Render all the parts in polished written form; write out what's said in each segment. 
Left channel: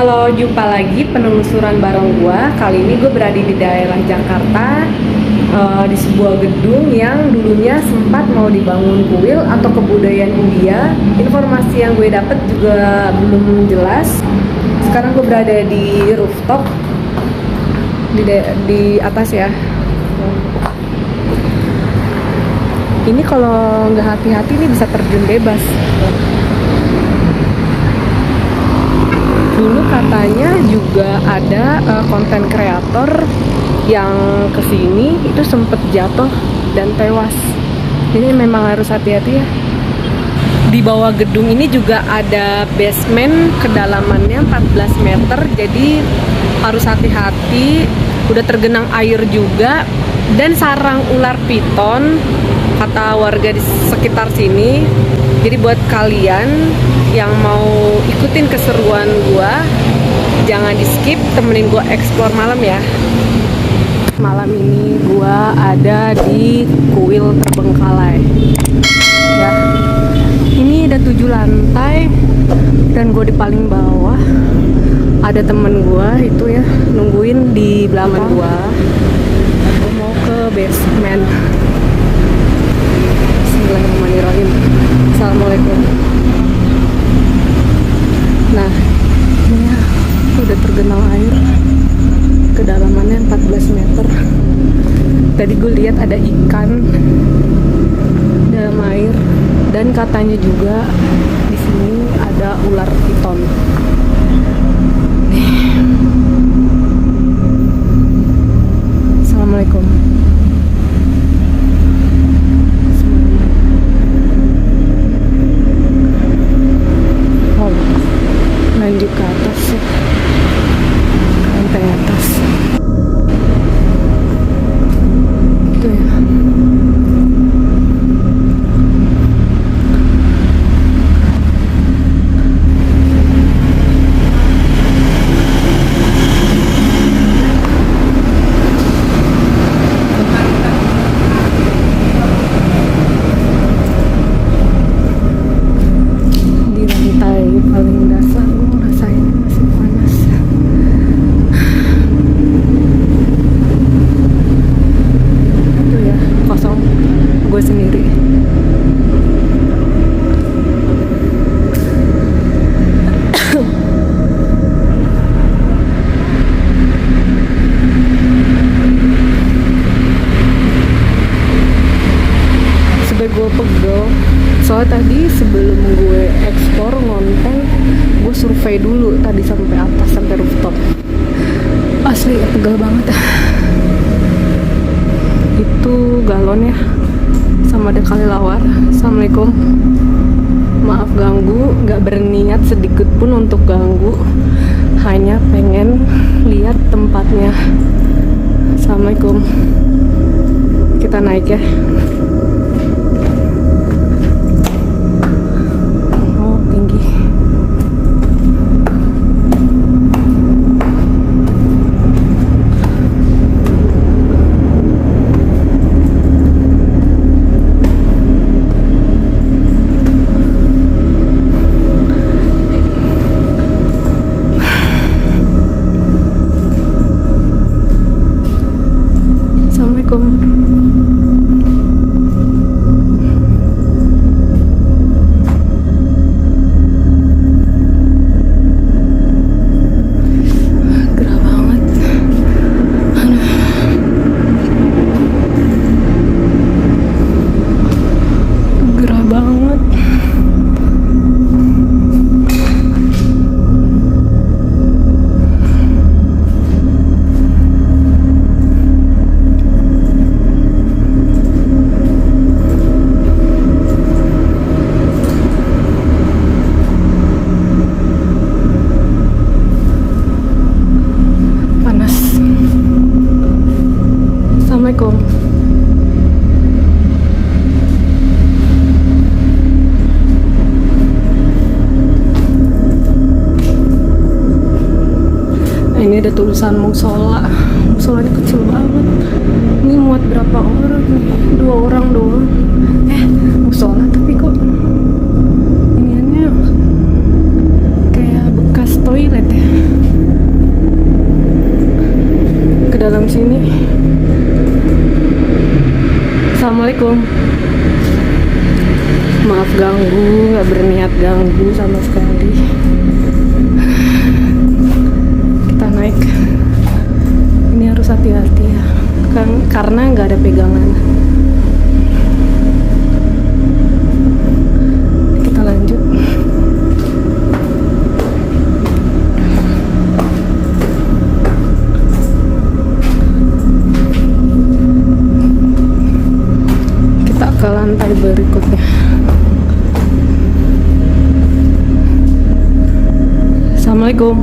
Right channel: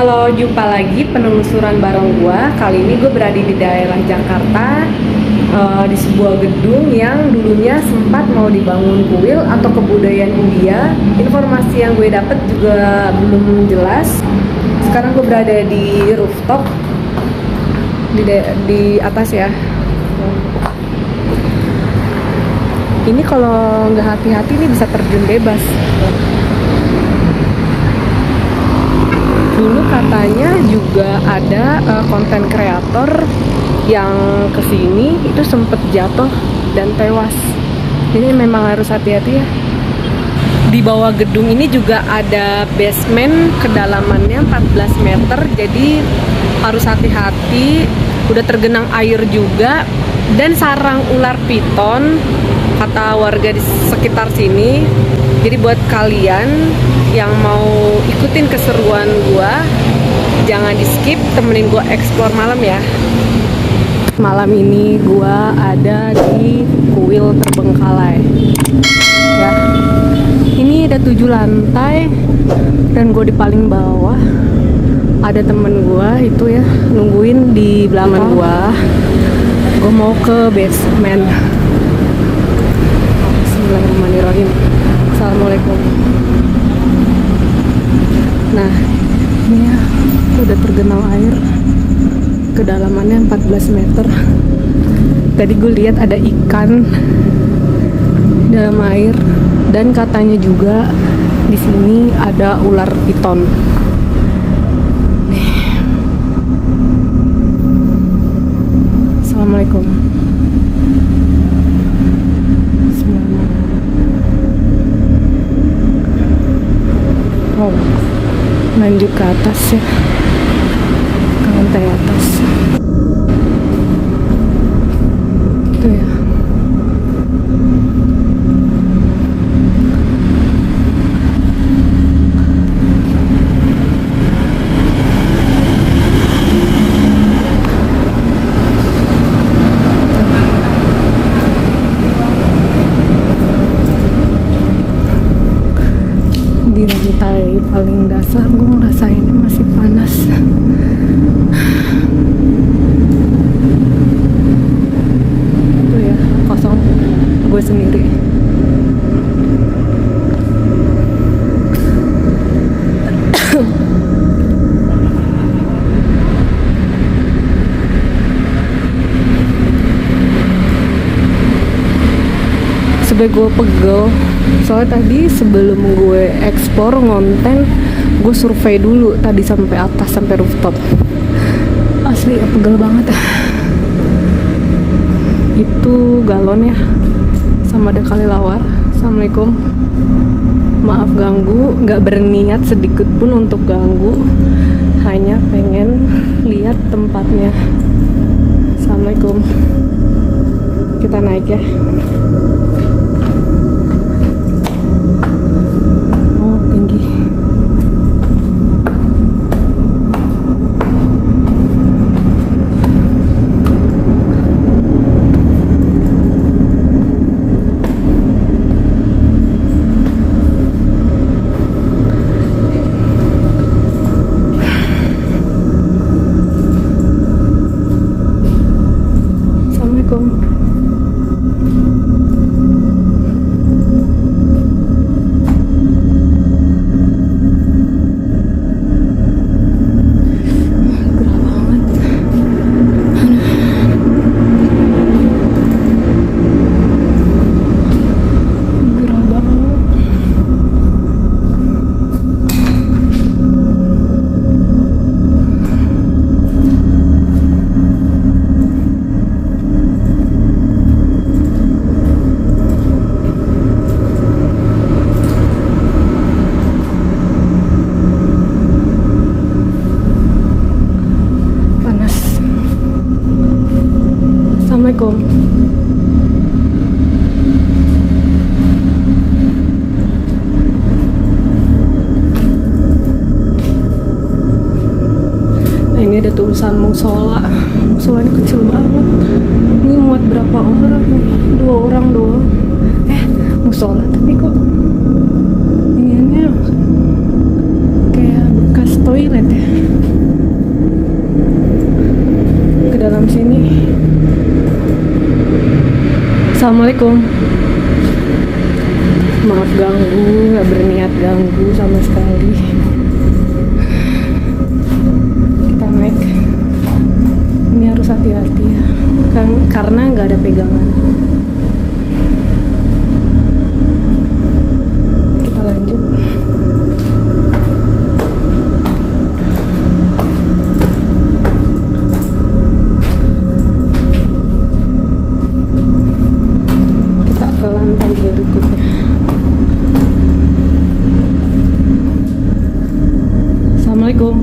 Halo, jumpa lagi penelusuran bareng gua. Kali ini gue berada di daerah Jakarta, di sebuah gedung yang dulunya sempat mau dibangun kuil atau kebudayaan India. Informasi yang gue dapet juga belum jelas. Sekarang gue berada di rooftop di atas ya. Ini kalau nggak hati-hati ini bisa terjun bebas. Dulu katanya juga ada konten kreator yang kesini itu sempet jatuh dan tewas. Jadi memang harus hati-hati ya. Di bawah gedung ini juga ada basement, kedalamannya 14 meter, jadi harus hati-hati. Udah tergenang air juga, dan sarang ular piton kata warga di sekitar sini. Jadi buat kalian yang mau ikutin keseruan gua, jangan di skip, temenin gua explore malam ya. Malam ini gua ada di kuil terbengkalai ya. Ini ada 7 lantai dan gue di paling bawah. Ada temen gue itu ya nungguin di belakang gue. Gue mau ke basement. Bismillahirrahmanirrahim. Assalamualaikum. Nah, ini ya, itu udah tergenang air. Kedalamannya 14 meter. Tadi gue lihat ada ikan dalam air. Dan katanya juga di sini ada ular piton. Nih. Assalamualaikum. Oh, lanjut ke atas ya, ke lantai atas. Itu ya. Di lantai paling dasar gue ngerasainnya masih panas. Itu ya, kosong, gue sendiri. Sebenernya gue pegel. Soalnya tadi sebelum gue explore ngonten, gue survei dulu tadi sampai atas, sampai rooftop. Asli pegel banget. Itu galon ya, sama ada kelelawar. Assalamualaikum. Maaf ganggu, nggak berniat sedikit pun untuk ganggu. Hanya pengen lihat tempatnya. Assalamualaikum. Kita naik ya. Tinggi. Assalamualaikum. Assalamualaikum. Nah, ini ada tulisan musola. Musola ini kecil banget. Ini muat berapa orang nih? 2 orang doang. musola tapi kok iniannya kayak bekas toilet ya ke dalam sini. Assalamualaikum. Maaf ganggu, nggak berniat ganggu sama sekali. Kita naik. Ini harus hati-hati ya, karena nggak ada pegangan. Kita lanjut. Kita ke lantai berikutnya. Assalamualaikum.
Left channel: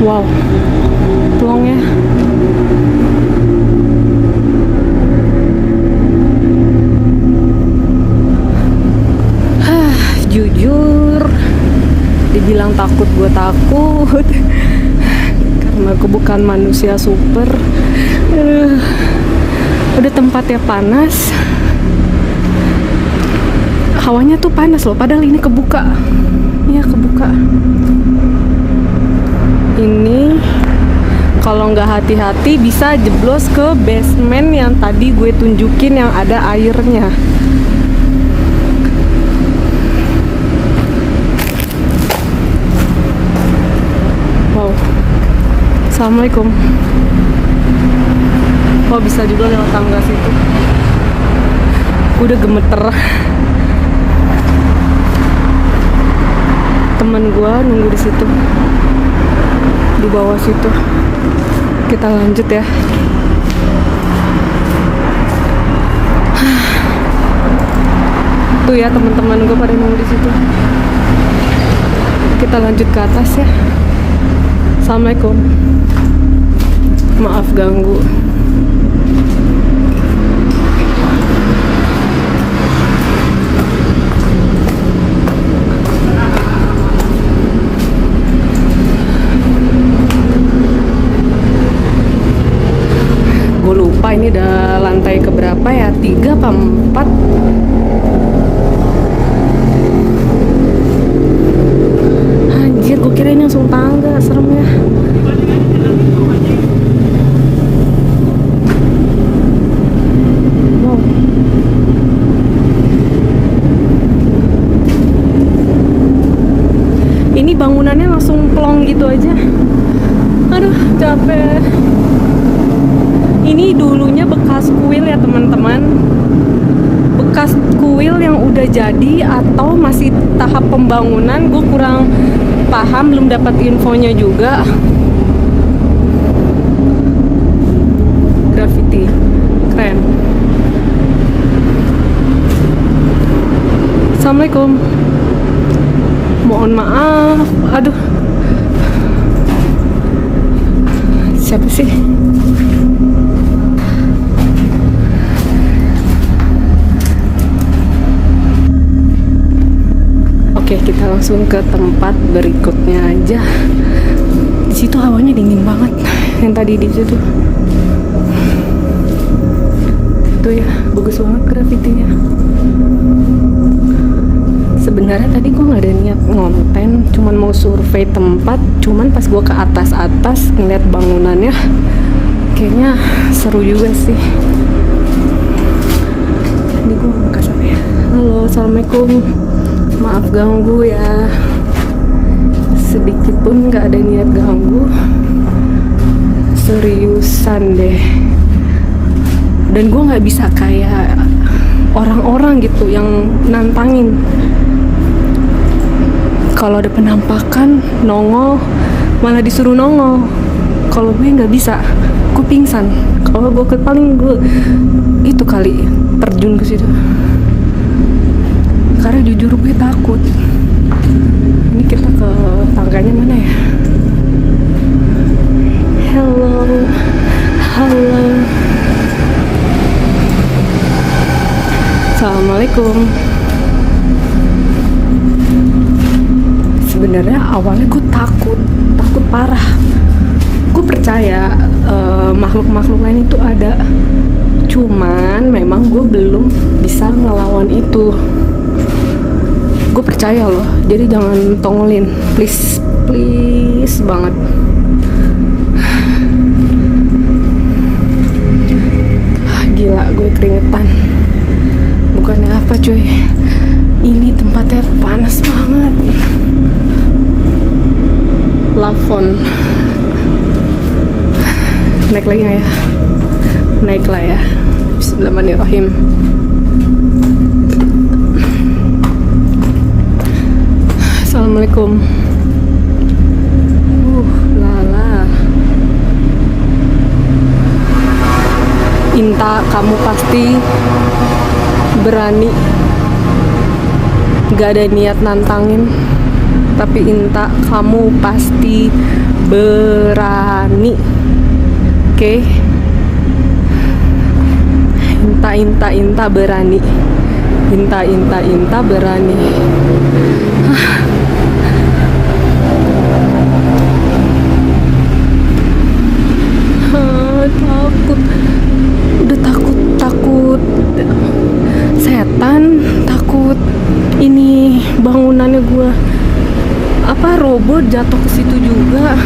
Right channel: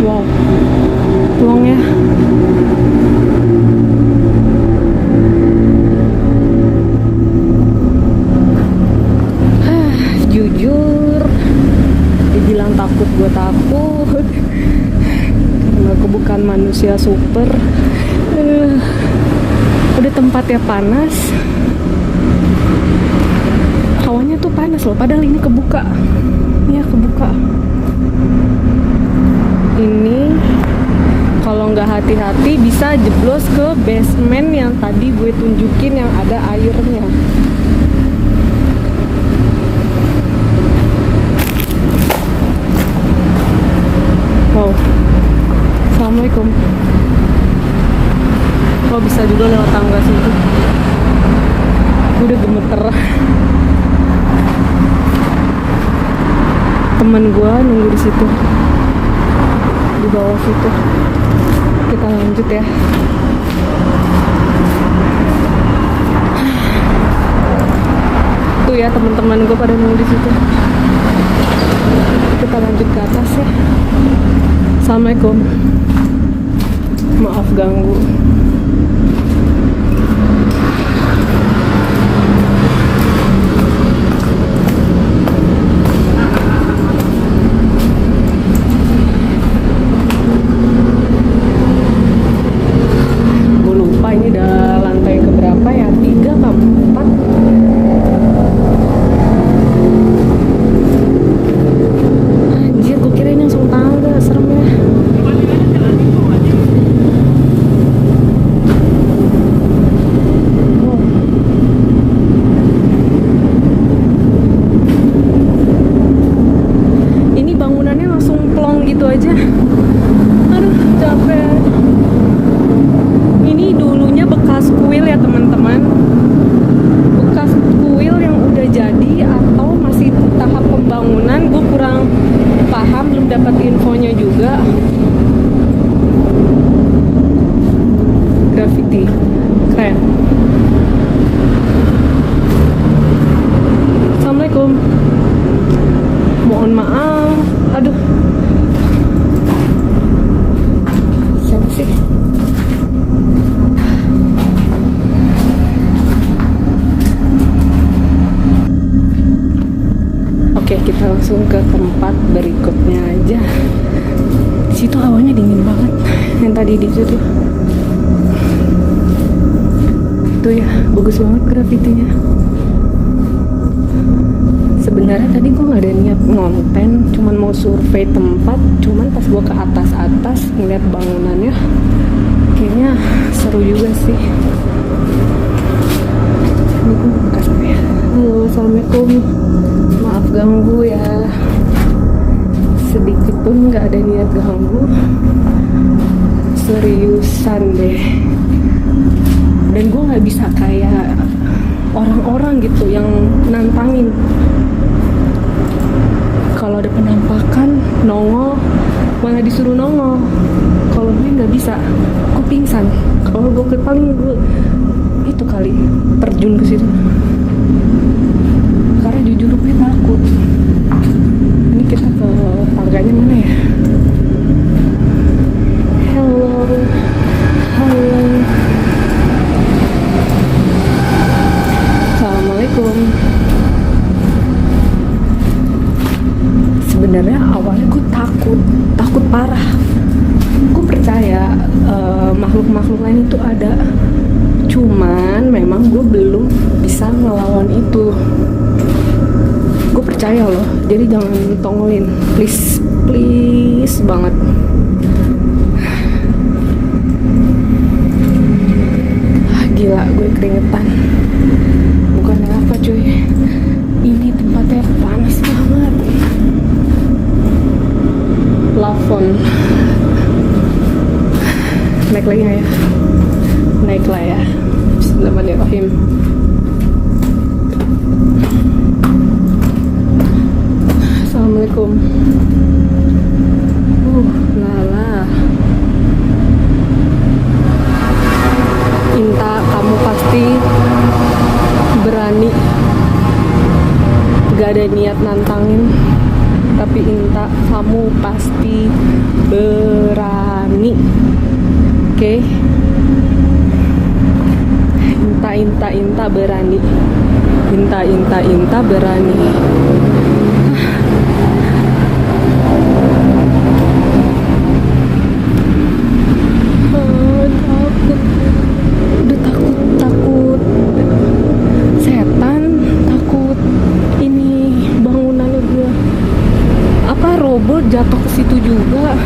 Wow, tolong ya. Jujur, dibilang takut, gue takut karena gue bukan manusia super. Udah tempatnya panas, hawanya tuh panas loh, padahal ini kebuka. Iya, kebuka. Ini kalau nggak hati-hati bisa jeblos ke basement yang tadi gue tunjukin yang ada airnya. Wow. Assalamualaikum. Oh, bisa juga lewat tangga situ. Udah gemeter. Temen gue nunggu di situ, di bawah situ. Kita lanjut ya. Tuh ya, teman-teman gue pada nunggu di situ. Kita lanjut ke atas ya. Assalamualaikum. Maaf ganggu. Ini udah lantai keberapa ya? 3 apa 4? Anjir, gue kira ini langsung tangga, serem ya. Wow. Ini bangunannya langsung plong gitu aja. Aduh, capek. Ini dulunya bekas kuil ya teman-teman, bekas kuil yang udah jadi atau masih tahap pembangunan, gue kurang paham, belum dapat infonya juga. Graffiti keren. Assalamualaikum. Mohon maaf. Aduh, siapa sih? Oke, kita langsung ke tempat berikutnya aja. Di situ hawanya dingin banget. Yang tadi di situ. Tuh ya, bagus banget grafitinya. Sebenarnya tadi gue nggak ada niat ngonten, cuman mau survei tempat. Cuman pas gue ke atas ngeliat bangunannya, kayaknya seru juga sih. Ini gue bekas apa ya? Halo, assalamualaikum. Maaf ganggu ya, sedikit pun nggak ada niat ganggu, seriusan deh. Dan gue nggak bisa kayak orang-orang gitu yang nantangin. Kalau ada penampakan nongol, malah disuruh nongol. Kalau gue nggak bisa, gue pingsan. Kalau gue paling gue itu kali terjun ke situ. Karena jujur gue takut. Ini kita ke tangganya mana ya? Halo. Assalamualaikum. Sebenarnya awalnya gue takut parah. Gue percaya makhluk-makhluk lain itu ada. Cuman memang gue belum bisa ngelawan itu. Gue percaya loh, jadi jangan tongolin, please, please banget. Gila, gue keringetan. Bukannya apa cuy, ini tempatnya panas banget. Lafon. Naik lagi nggak ya? Naik lah ya. Bismillahirrahmanirrahim. Assalamualaikum. Lala. Inta, kamu pasti berani. Gak ada niat nantangin, tapi Inta, kamu pasti berani. Oke? Inta berani. Inta berani. Takut. Udah takut setan, takut ini bangunannya gue roboh jatuh ke situ juga.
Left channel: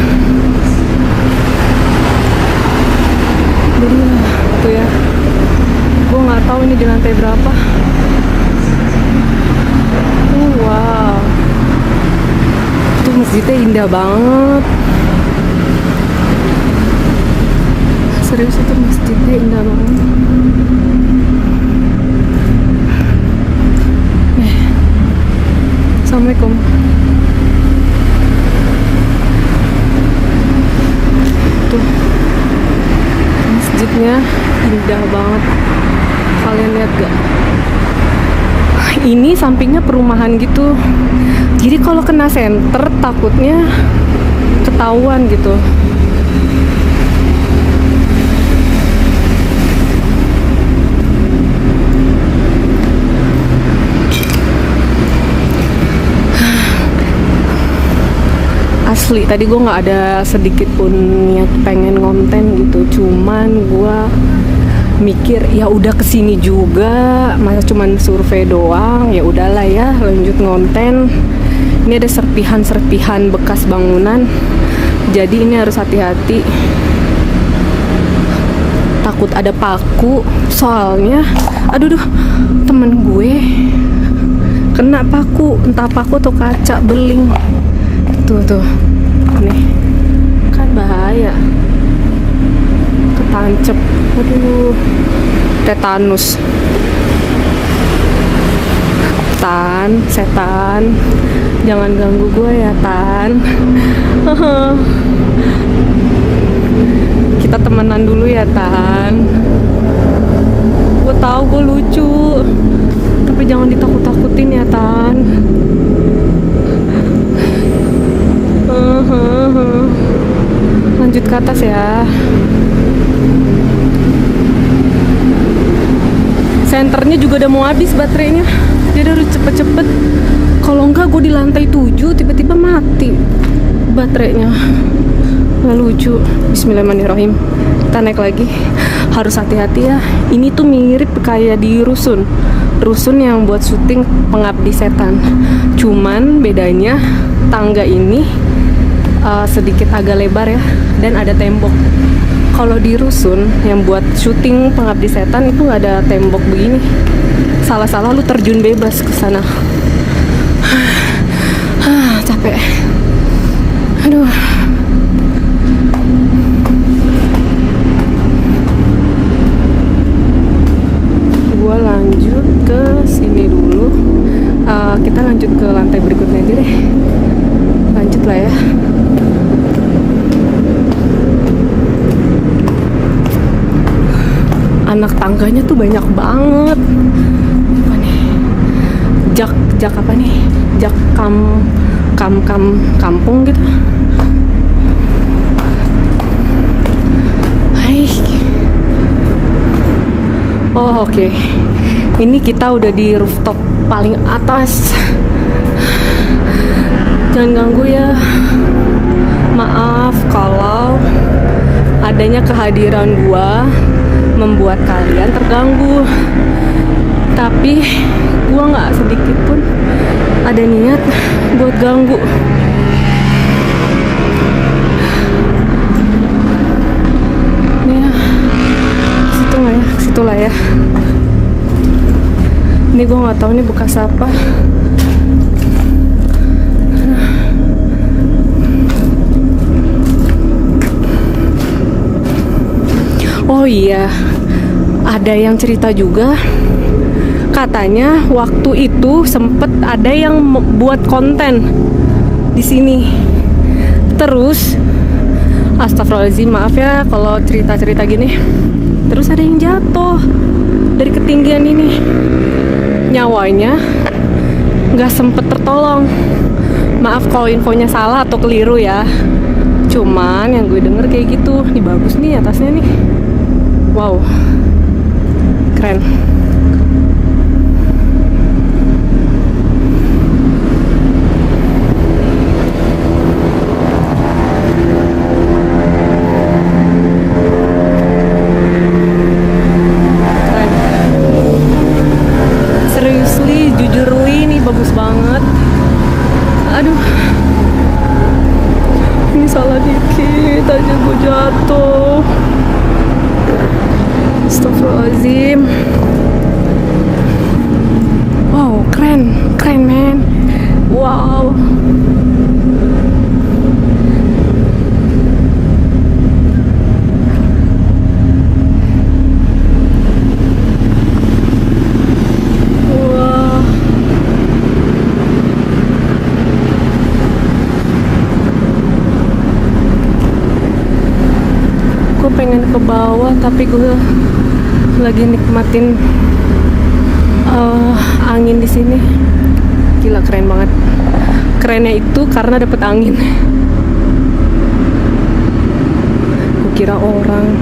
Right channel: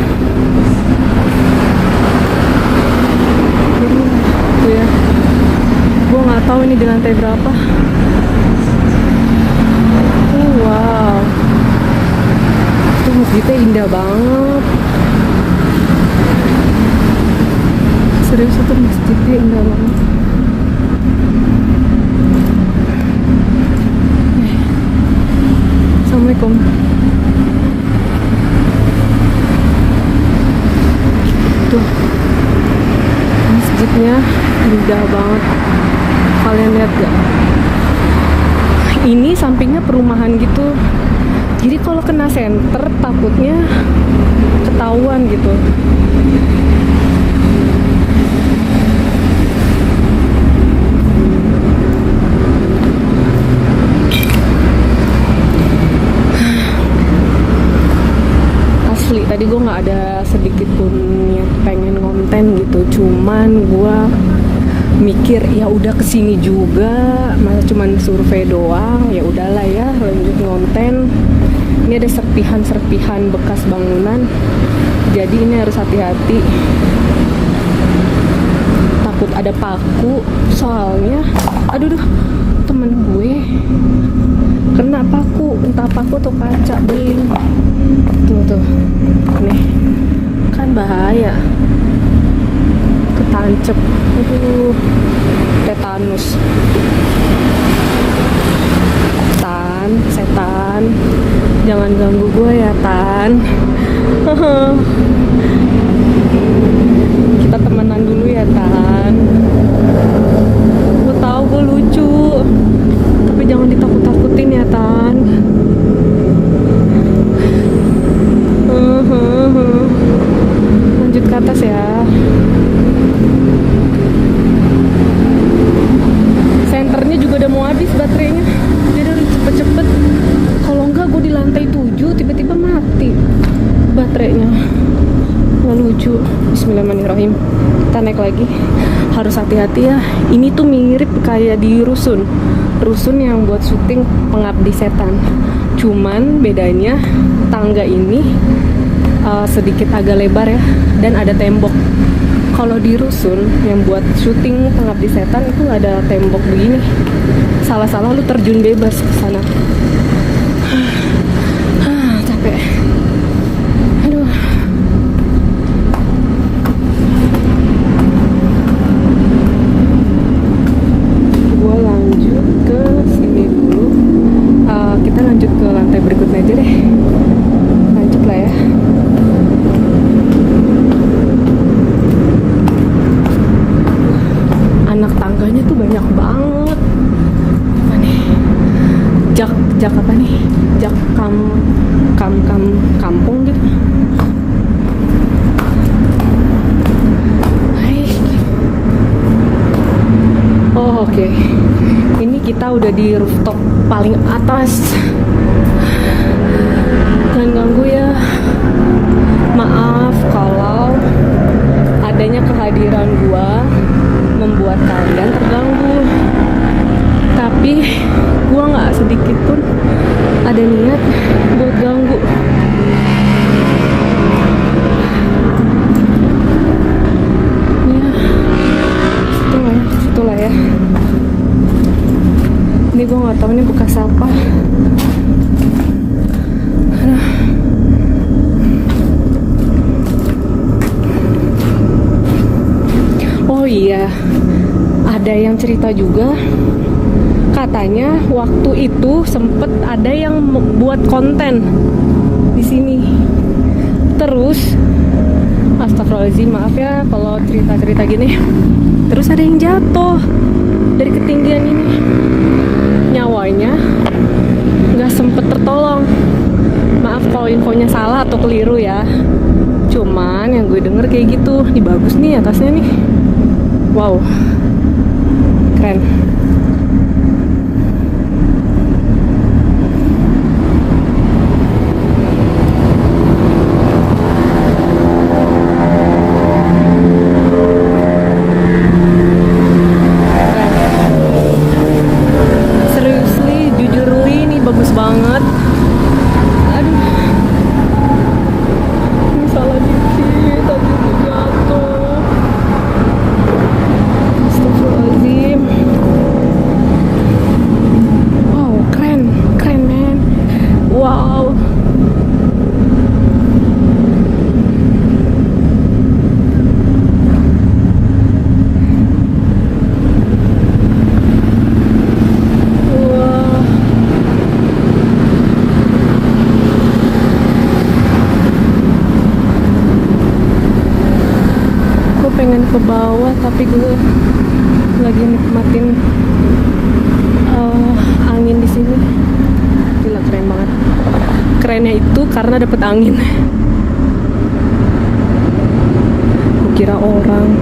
Tuh ya, gue nggak tahu ini di lantai berapa. Wow, itu masjidnya indah banget. Serius, itu masjidnya indah banget. Assalamualaikum. Tuh, masjidnya indah banget. Kalian lihat gak? Ini sampingnya perumahan gitu. Jadi kalau kena senter takutnya ketahuan gitu. Asli, tadi gue nggak ada sedikit pun niat pengen konten gitu, cuman gue mikir ya udah kesini juga, masa cuman survei doang, ya udahlah ya lanjut konten. Ini ada serpihan bekas bangunan, jadi ini harus hati-hati. Takut ada paku, soalnya aduh temen gue kena paku, entah paku atau kaca beling. Tuh nih kan bahaya, ketancep, aduh, tetanus. Setan, jangan ganggu gue ya Tan. Kita temenan dulu ya Tan. Gue tahu gue lucu, tapi jangan ditakut-takutin ya Tan. Lanjut ke atas ya. Senternya juga udah mau habis baterainya, jadi harus cepet-cepet. Kalau enggak gue di lantai 7 tiba-tiba mati baterainya. Nggak lucu. Bismillahirrahmanirrahim. Kita naik lagi. Harus hati-hati ya. Ini tuh mirip kayak di rusun yang buat syuting Pengabdi Setan. Cuman bedanya tangga ini sedikit agak lebar ya, dan ada tembok. Kalau di rusun yang buat syuting Pengabdi Setan itu nggak ada tembok begini. Salah-salah lu terjun bebas ke sana. Capek. Aduh. Gua lanjut ke sini dulu. Kita lanjut ke lantai berikutnya aja deh. Lanjut lah ya. Anak tangganya tuh banyak banget. Apa nih? Jak apa nih? Jak kampung gitu. Hai. Oh, oke. Ini kita udah di rooftop paling atas. Jangan ganggu ya. Maaf kalau adanya kehadiran gua membuat kalian terganggu, tapi gua nggak sedikit pun ada niat buat ganggu. Ya, situ lah ya, situ lah ya. Ini gue nggak tahu ini bekas apa. Oh iya, ada yang cerita juga. Katanya waktu itu sempet ada yang buat konten di sini. Terus, astagfirullahaladzim, maaf ya kalau cerita-cerita gini. Terus ada yang jatuh dari ketinggian ini. Nyawanya nggak sempet tertolong. Maaf kalau infonya salah atau keliru ya. Cuman yang gue denger kayak gitu. Ini bagus nih atasnya nih. Wow, keren. Seriously, jujur ini bagus banget. Aduh, ini salah dikit aja gue jatuh. Astagfirullahaladzim. Wow, keren men. Wow. Wah. Gue pengen ke bawah tapi gue lagi nikmatin angin di sini. Gila, keren banget. Kerennya itu karena dapet angin. Gue kira orang.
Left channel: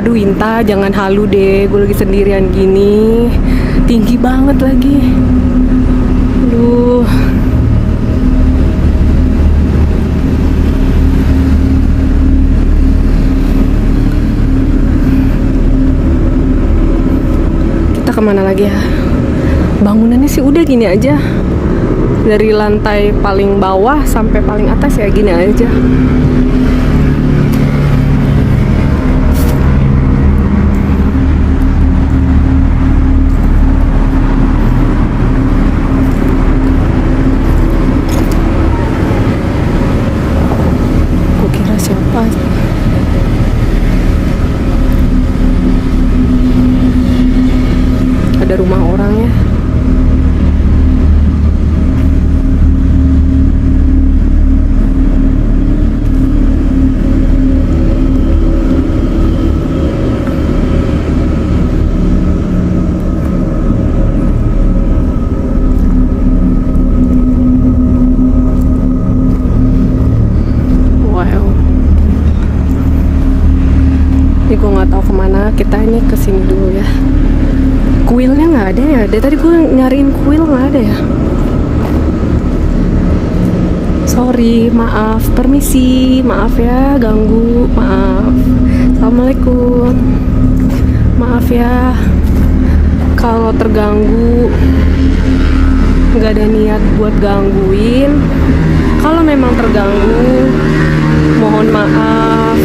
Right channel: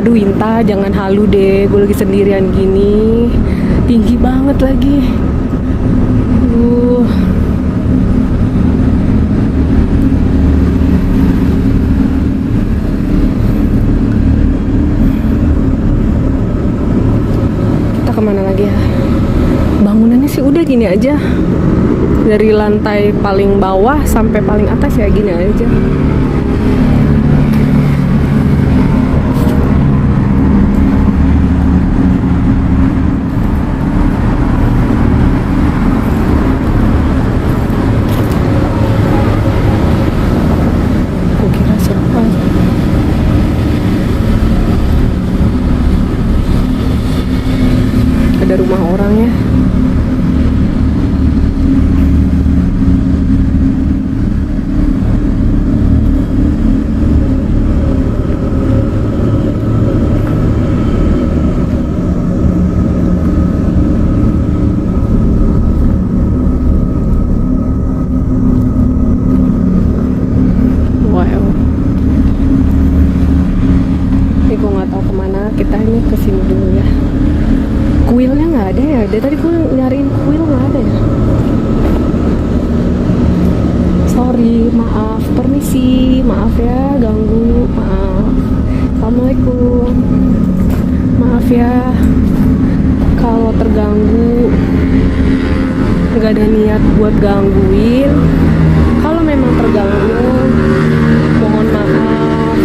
Aduh Inta, jangan halu deh. Gue lagi sendirian gini. Tinggi banget lagi. Aduh. Kemana lagi ya? Bangunannya sih udah gini aja. Dari lantai paling bawah sampai paling atas ya gini aja. Gue kira siapa? Ada rumah orang ya. Wow. Ini gue nggak tahu kemana. Kita ini kesini dulu ya. Kuilnya nggak ada ya. Dari tadi gue nyariin kuil nggak ada ya. Sorry, maaf, permisi, maaf ya ganggu, maaf. Assalamualaikum. Maaf ya kalau terganggu. Nggak ada niat buat gangguin. Kalau memang terganggu, mohon maaf.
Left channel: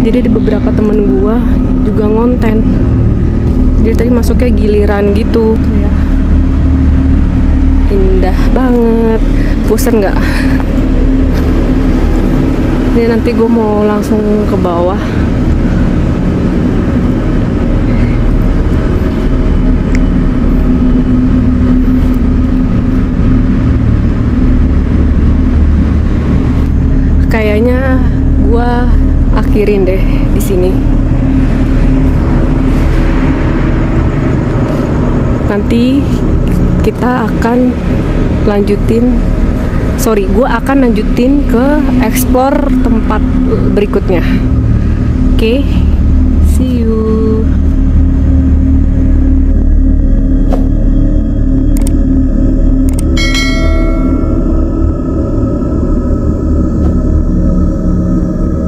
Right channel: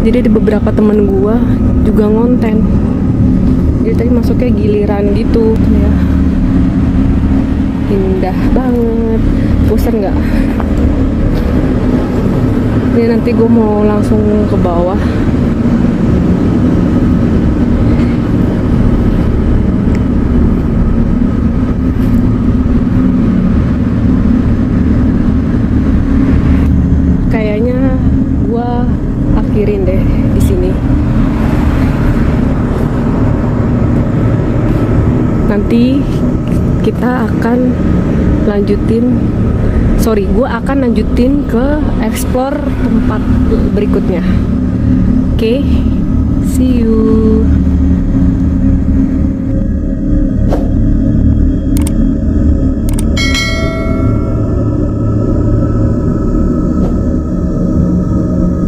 Jadi ada beberapa temen gua juga ngonten. Jadi tadi masuknya giliran gitu ya. Indah banget. Pusing nggak? Ini nanti gue mau langsung ke bawah. Kayaknya gue akhirin deh di sini. Nanti kita akan lanjutin. Gue akan lanjutin ke explore tempat berikutnya. Oke, see you.